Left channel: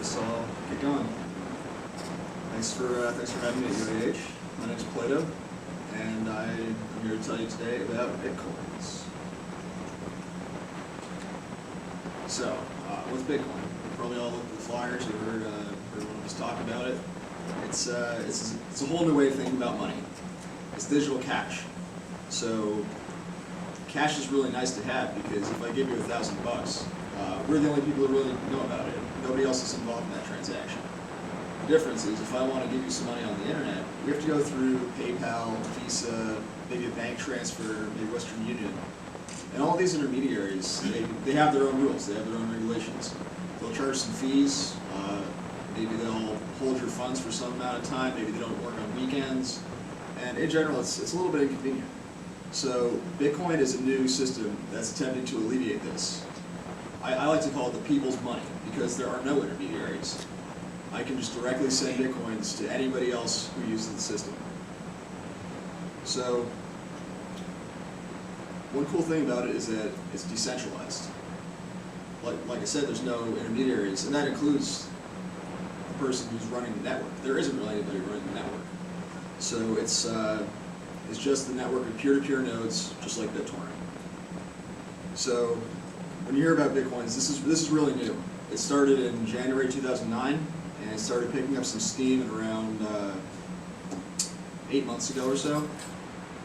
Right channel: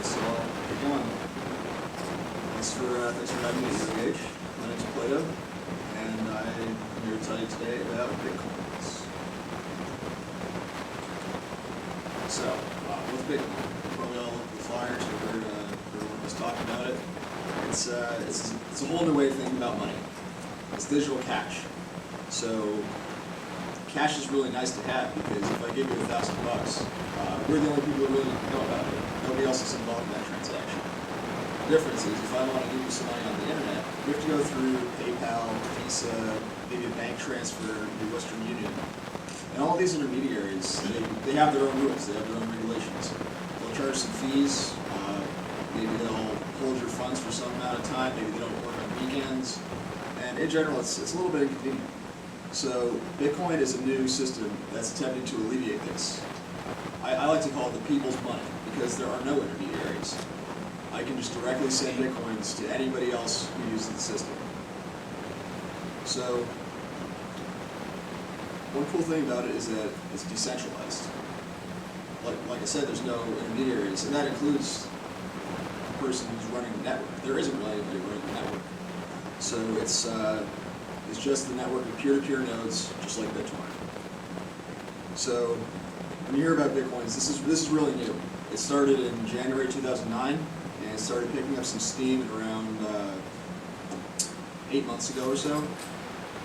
guess I'll get going. Thanks for having me at UAH. My name is Plato, and I'm here to tell you today about Bitcoins. So, what's Bitcoin? You probably all looked at the flyers or heard one of us talk about it. It's a whole new way of thinking about money. It's digital cash. So, cash is really nice to have because if I give you $1,000, we're the only people who really know about it. Nobody else is involved in that transaction. The difference is if I want to give you some money on the internet, we have to go through PayPal, Visa, maybe a bank transfer, maybe Western Union. And all these intermediaries, they have their own rules, they have their own regulations. They'll charge some fees, maybe they'll hold your funds for some amount of time, maybe they don't work on weekends, and in general it's a little bit inconvenient. So Bitcoin is a new system that's attempting to alleviate this. I like to call it the people's money because there are no intermediaries. I can just directly send Bitcoins to anybody else who uses the system. So one cool thing about it is that it's decentralized. Like I said, there's no intermediaries, and that includes the person who's running the network. There isn't really anybody running the network. So it's just the network of peer-to-peer nodes, just like BitTorrent. So when you hear about Bitcoins, this is really new. It started in January 2009, and it started picking up some steam in around 8 months ago or so.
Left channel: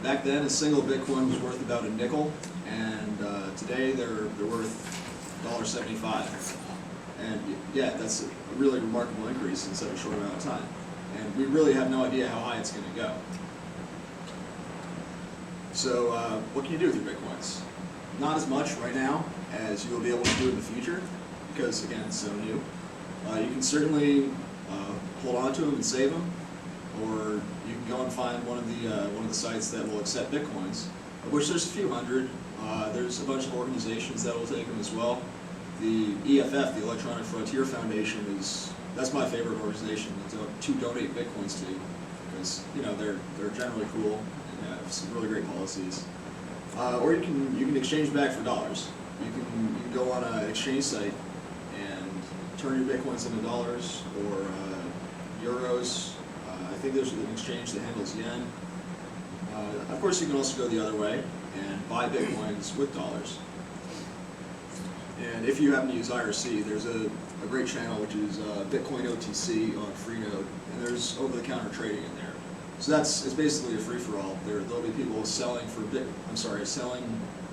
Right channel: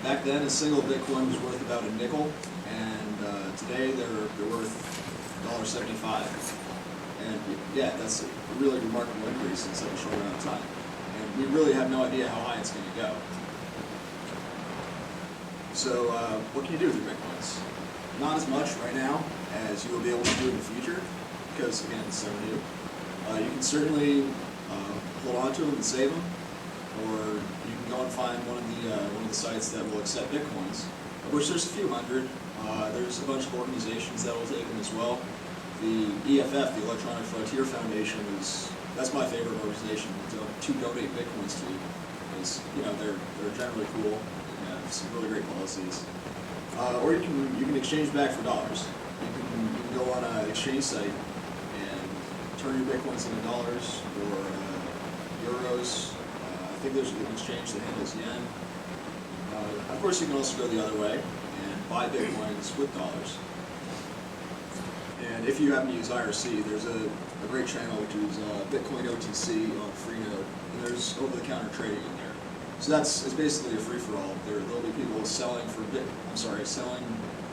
Back then, a single Bitcoin was worth about a nickel, and today they're worth $1.75. And yeah, that's a really remarkable increase in such a short amount of time. And we really have no idea how high it's going to go. So what can you do with your Bitcoins? Not as much right now as you will be able to do in the future, because again, it's so new. You can certainly hold on to them and save them, or you can go and find one of the sites that will accept Bitcoins, of which there's a few hundred. There's a bunch of organizations that will take them as well. The EFF, the Electronic Frontier Foundation, that's my favorite organization to donate Bitcoins to, because they're generally cool and have some really great policies. Or you can exchange back for dollars. You can go on an exchange site and turn your Bitcoins into dollars or euros. I think there's an exchange that handles yen. Of course, you can also go the other way and buy Bitcoins with dollars. And if you happen to use IRC, there's a great channel which is Bitcoin OTC on Freenode, and there's over-the-counter trading in there. So it's basically a free-for-all. There'll be people selling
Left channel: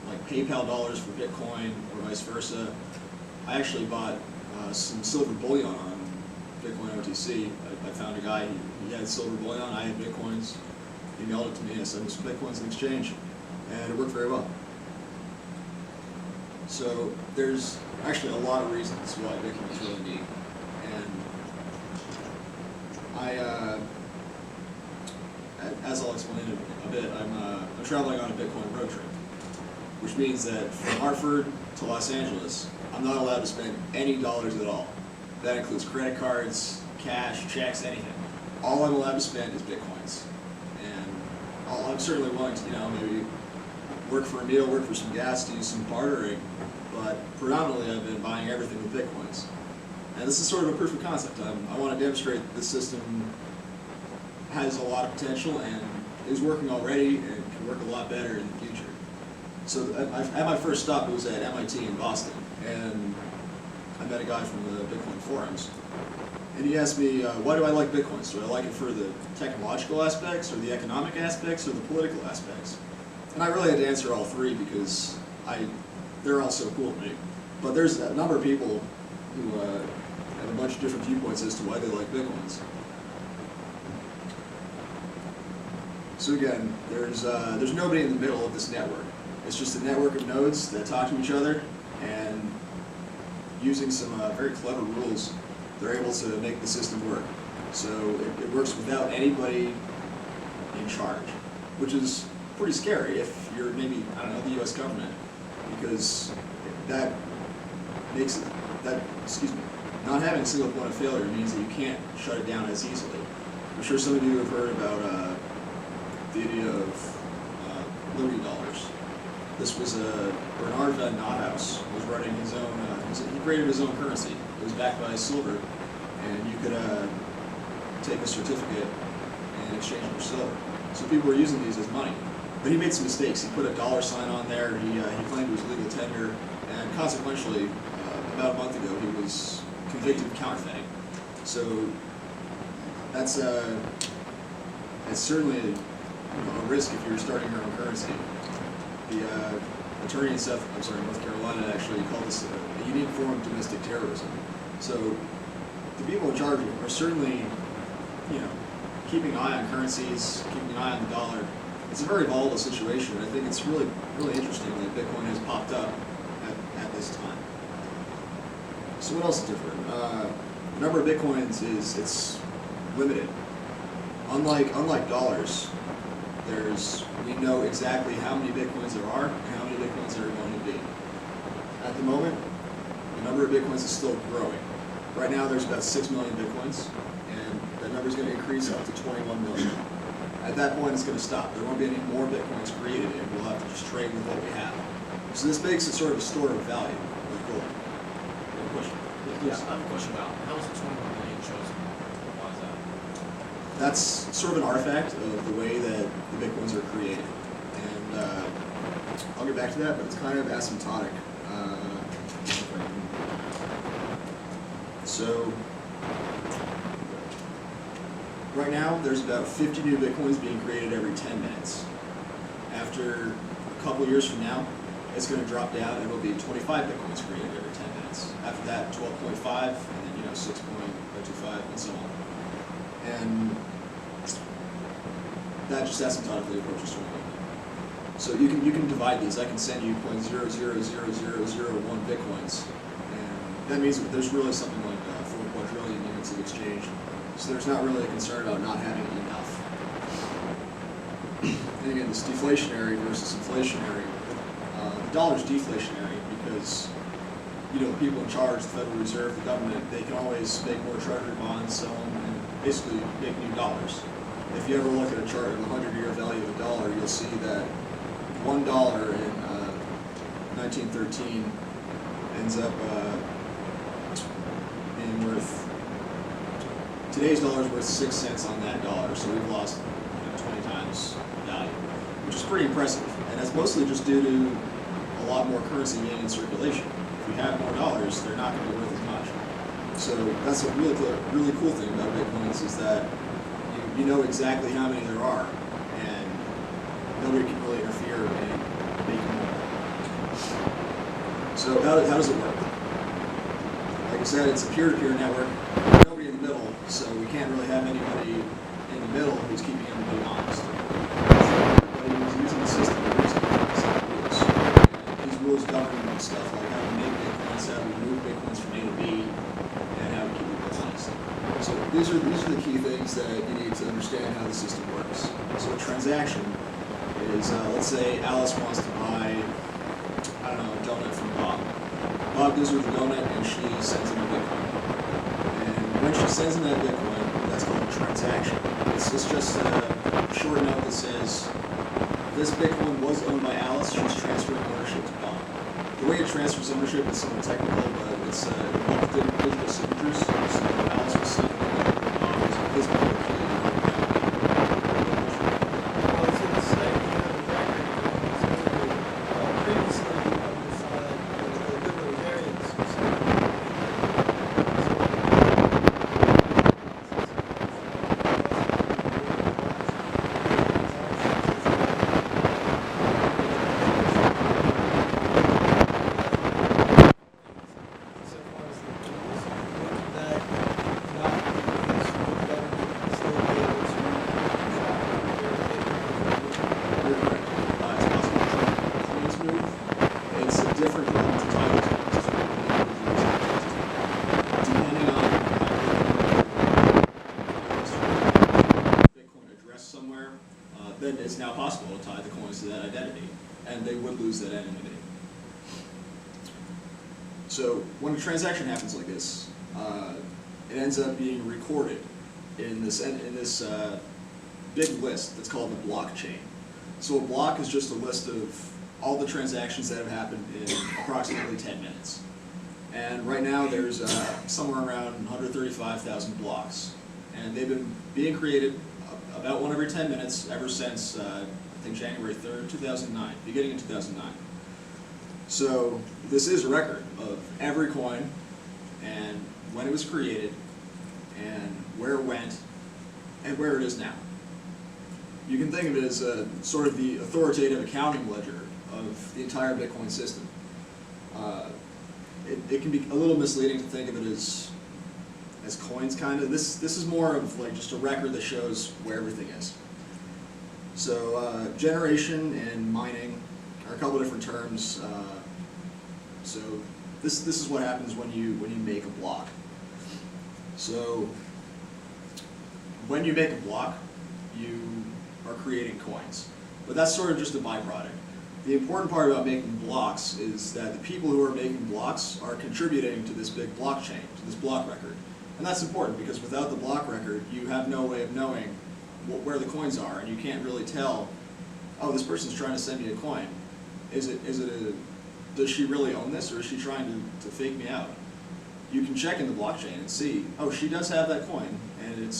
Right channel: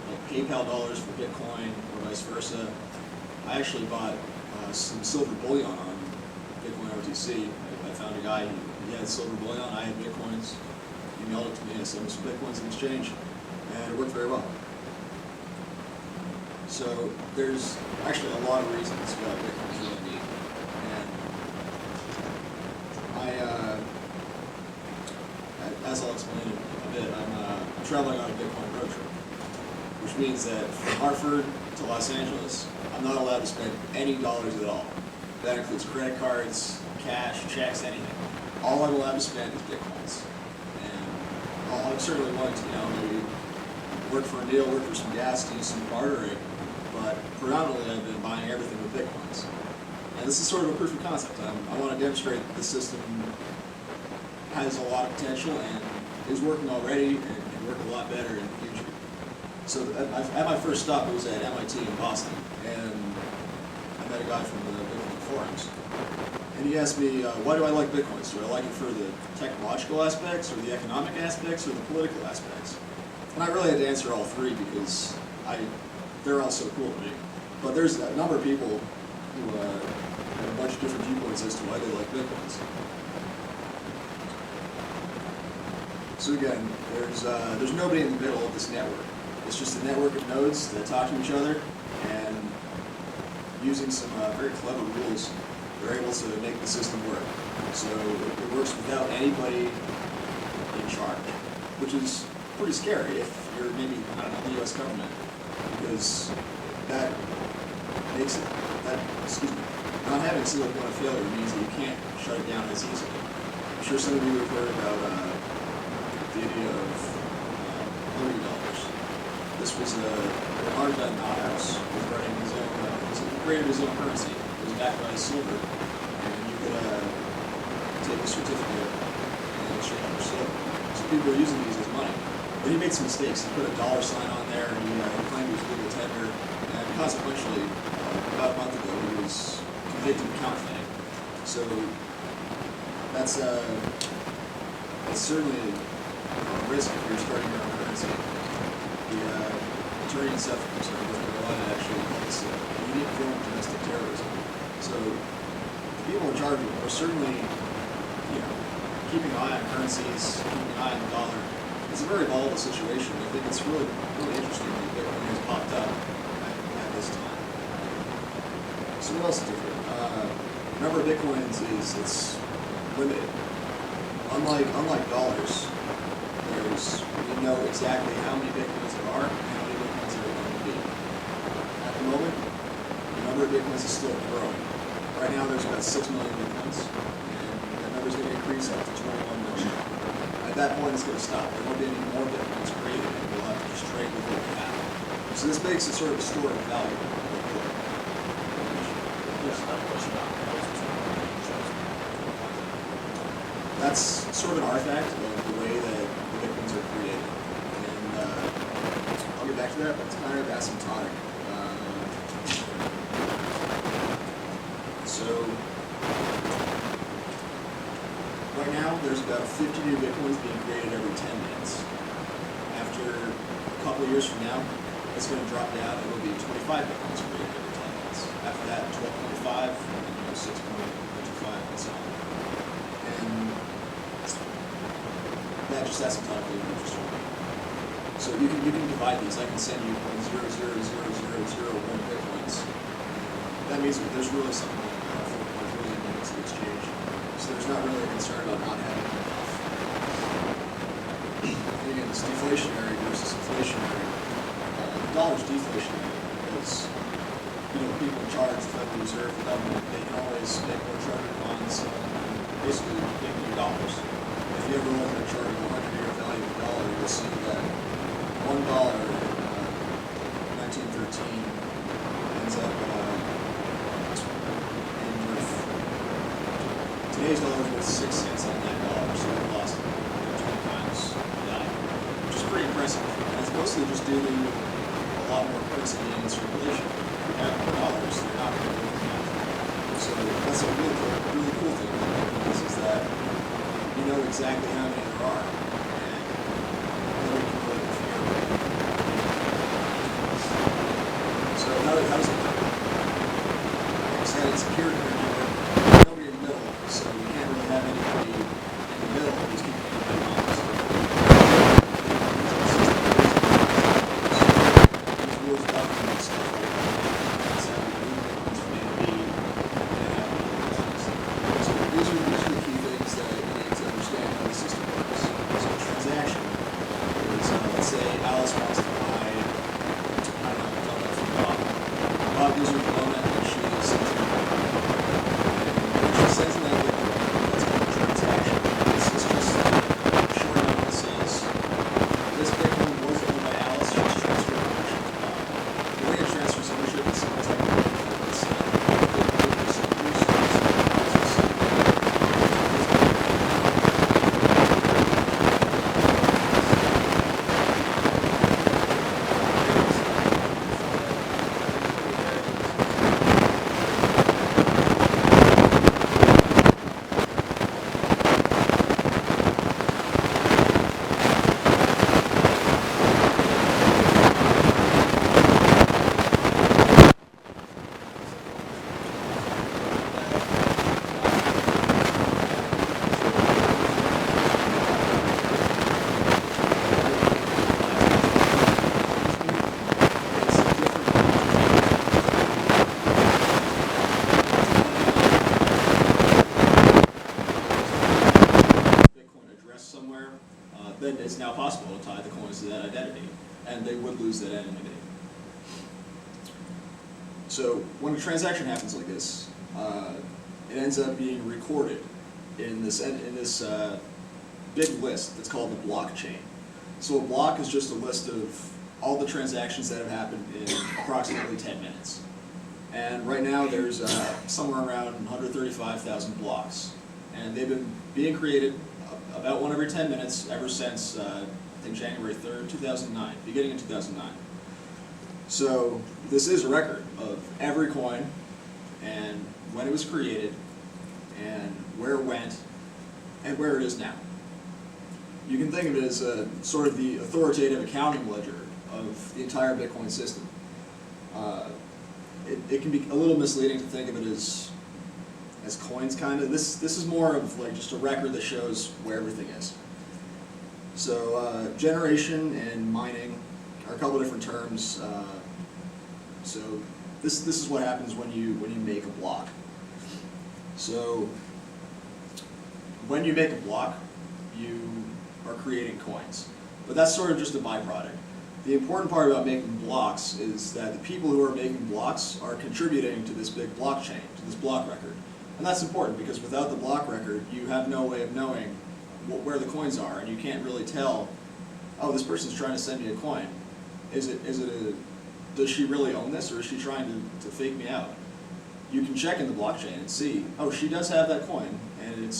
like PayPal dollars for Bitcoin or vice versa. I actually bought some silver bullion on Bitcoin OTC. I found a guy, he had silver bullion, I had Bitcoins. He mailed it to me, I sent him some Bitcoins in exchange, and it worked very well. So there's actually a lot of reasons why Bitcoin is really neat. And as I'll explain in a bit, I'm traveling on a Bitcoin road trip, which means that from Hartford to Los Angeles, I'm not allowed to spend any dollars at all. That includes credit cards, cash, checks, anything. All I'm allowed to spend is Bitcoins. And I'm certainly willing to, maybe work for a meal, work for some gas, do some bartering, but predominantly I've been buying everything with Bitcoins. And this is sort of a proof of concept. I want to demonstrate that this system has a lot of potential and is working already and can work a lot better in the future. So at my first stop, it was at MIT in Boston, and I met a guy from the Bitcoin forums, and he asked me, why do I like Bitcoins? Do I like it for the technological aspects, or the economic aspects, or the political aspects? And I really had to answer all three because they're all so cool to me. But there's a number of people who have a bunch of different viewpoints as to why they like Bitcoins. So again, there's nobody in the middle of this network. It's just a network of nodes that talk to each other, and using some very clever rules, they're able to make the system work. So it works without anybody in charge, which is pretty scary if you're maybe, the U.S. government, because that makes it, not having a single point of failure means that you can't shut it down as easily. I'm sure some of you have heard about the idea of Liberty dollars. This was Bernard van Nothaus was running his own, he created his own currency. It was backed by silver, and you could take a certificate and exchange it for silver. So people were using these as money. But he made some mistakes. He put a $sign on there. He claimed it was legal tender, and consequentially, about a month ago, he was convicted of counterfeiting. So that's it's certainly a risk if you're starting your own currency. The attorney in North Carolina actually called this a unique form of domestic terrorism. So the people in charge are certainly, keeping an eye on currencies, keeping an eye on the dollar. It's a very volatile situation, and I think it's really, really interesting that Bitcoin has popped up at this time. So what else is different? The number of Bitcoins it's limited. Unlike dollars, we know exactly how many Bitcoins there are and how many Bitcoins there are going to be. At the moment, the number of Bitcoins is still growing. Right now there's about 6 million Bitcoins, and that number is going to increase up to 21 million. At that point it's going to stop. There won't be any more Bitcoins created, and we'll have to just trade with what we have. So this makes it sort of a store of value, like gold. Good question. Yeah, I have a question about how was the 21 million chosen? Why is that? That's sort of an artifact of the way that the Bitcoins are created. And I'll get back to that, but it's kind of asymptotic. So, right now, there's about 50 new Bitcoins being created every 10 minutes. After a couple years from now, it's going to drop down and it'll be 25 Bitcoins created every 10 minutes. After that, 12.5, and then 6.025, and so on. And that just asymptotically approaches 21 million. So you can divide these. I can send you 0.000001 Bitcoins, and that means that there's really something like 4 quadrillion units of exchange. So there's not really a concern about not having enough. And again, this deflationary versus inflationary. The dollar's deflationary because the people in charge, the Federal Reserve, the government, they can always make more treasury bonds, sell them, and basically make new dollars. If you ever look at a chart of the 100-year value of a dollar, you'll see that $1 in 1913 ends up being worth, today's dollar is worth 6 cents on that dollar, so we've lost 20 times the value, which is pretty impressive. And that's mostly just due to a lot more currency being in circulation. If you have more dollars, they're not going to be worth as much. So that's a really cool thing about Bitcoins is that you know exactly how many there are, and nobody can really interfere and make more. So how does it work? Like I said, it's a peer-to-peer network. There's nobody in the middle, so we can't really have anybody in the middle who's keeping everybody honest. So everybody who's using the system is using a set of rules. And these rules govern stuff like how we make Bitcoins, how we move Bitcoins from A to B, and how we keep people honest. So these are the key things that you need to understand how the system works. So a transaction is, let's say Alice wants to buy, a donut from Bob. Bob gives her the donut and she sends him a Bitcoin. And when she sends him that Bitcoin, that's called a transaction. It's just a short note that says, this Bitcoin was owned by Alice, she's transferring ownership to Bob. The way it transfers ownership is somewhat technical, but it's involves digital signatures. So Alice will sign the coin over to Bob using his public key and her private key. I was going to say, if you have a record of the ones over, previously on your slide, the libertarians who said that the opinion You're correct. It's possible to track how the coins move. It's a different problem to tie those coins to the individuals in the question. Depending on Bitcoin address somewhere, then it's now possible to tie the coins to that identity, and they would lose that anonymity. So when a transaction happens like this, it ends up being recorded in this big list that's called the blockchain. So a block is just a list of all the transactions that have happened in approximately 10 minutes. And right now there's somewhere around 135,000 blocks. And they've been being created about one every 10 minutes ever since, I think, January 3rd, 2009, beginning in 2009. So this is a record of every coin and when it was created and where it went and where it is now. You can think of it as sort of the authoritative accounting ledger of the entire Bitcoin system. It can be a little misleading to think of it as coins, kind of. This is more of like just a record that shows where everything is. So generation and mining are a couple of different terms. So this is what happens when you make a block. So when you make a block, you are creating coins, but that's sort of just a byproduct. The important part about making blocks is that the people who are making blocks are contributing to this big blockchain, to this block record. And that's important because without the block record, you have no way of knowing where the coins are, and you can't really tell, oh, this person's trying to send me a coin. Does she really own this, or is she trying to fake me out? You can check in the blockchain and see, oh, she does have that coin, and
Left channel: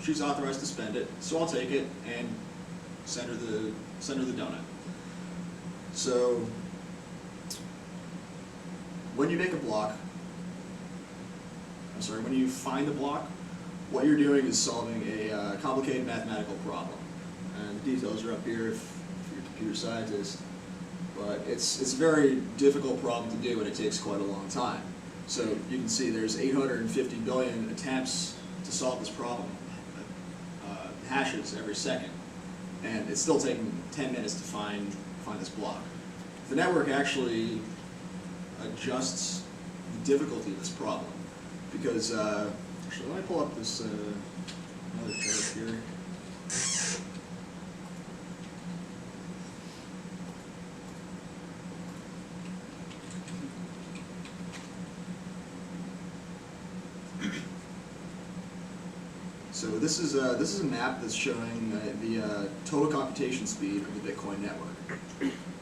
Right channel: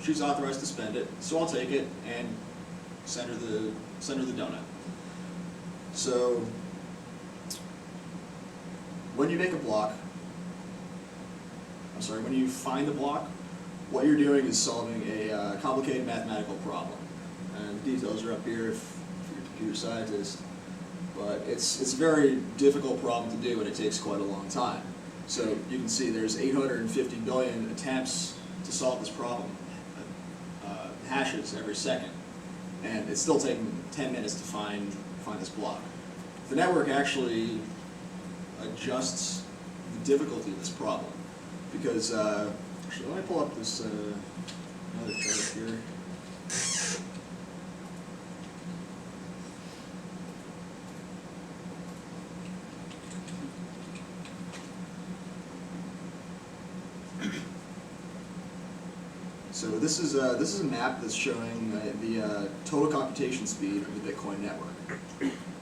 she's authorized to spend it, so I'll take it and send her the donut. So when you make a block, when you find a block, what you're doing is solving a complicated mathematical problem. And the details are up here if you're a computer scientist. But it's a very difficult problem to do, and it takes quite a long time. So you can see there's 850 billion attempts to solve this problem, hashes every second, and it's still taking 10 minutes to find this block. The network actually adjusts the difficulty of this problem, because actually, let me pull up this another chart here. So this is a map that's showing the total computation speed of the Bitcoin network.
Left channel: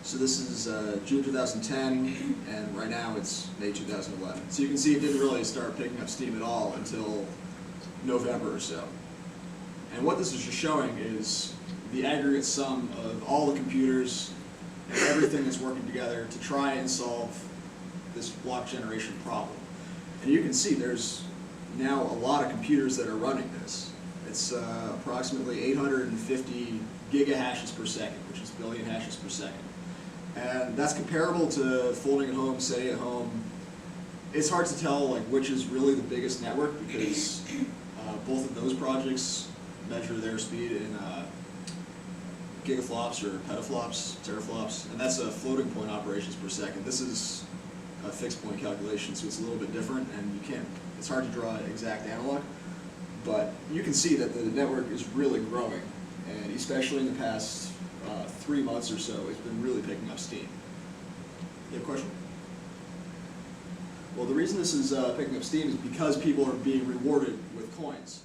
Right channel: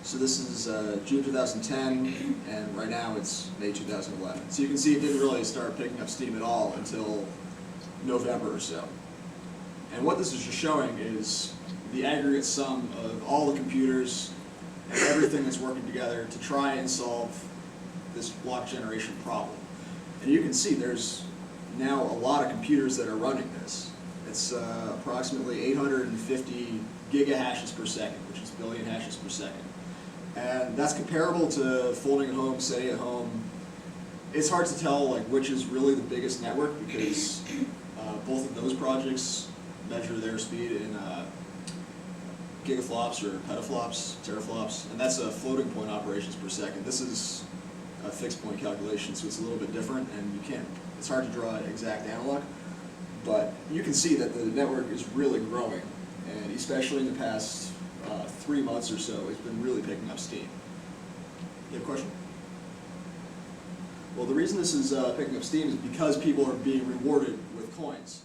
So this is June 2010, and right now it's May 2011. So you can see it didn't really start picking up steam at all until November or so. And what this is just showing is the aggregate sum of all the computers and everything that's working together to try and solve this block generation problem. And you can see there's now a lot of computers that are running this. It's approximately 850 gigahashes per second, which is billion hashes per second. And that's comparable to folding at home, setting at home. It's hard to tell like which is really the biggest network because both of those projects measure their speed in gigaflops or petaflops, teraflops, and that's floating point operations per second. This is a fixed point calculation, so it's a little bit different, and it's hard to draw an exact analog, but you can see that the network is really growing, and especially in the past 3 months or so, it's been really picking up steam. You have a question? Well, the reason this is picking up steam is because people are being rewarded with coins.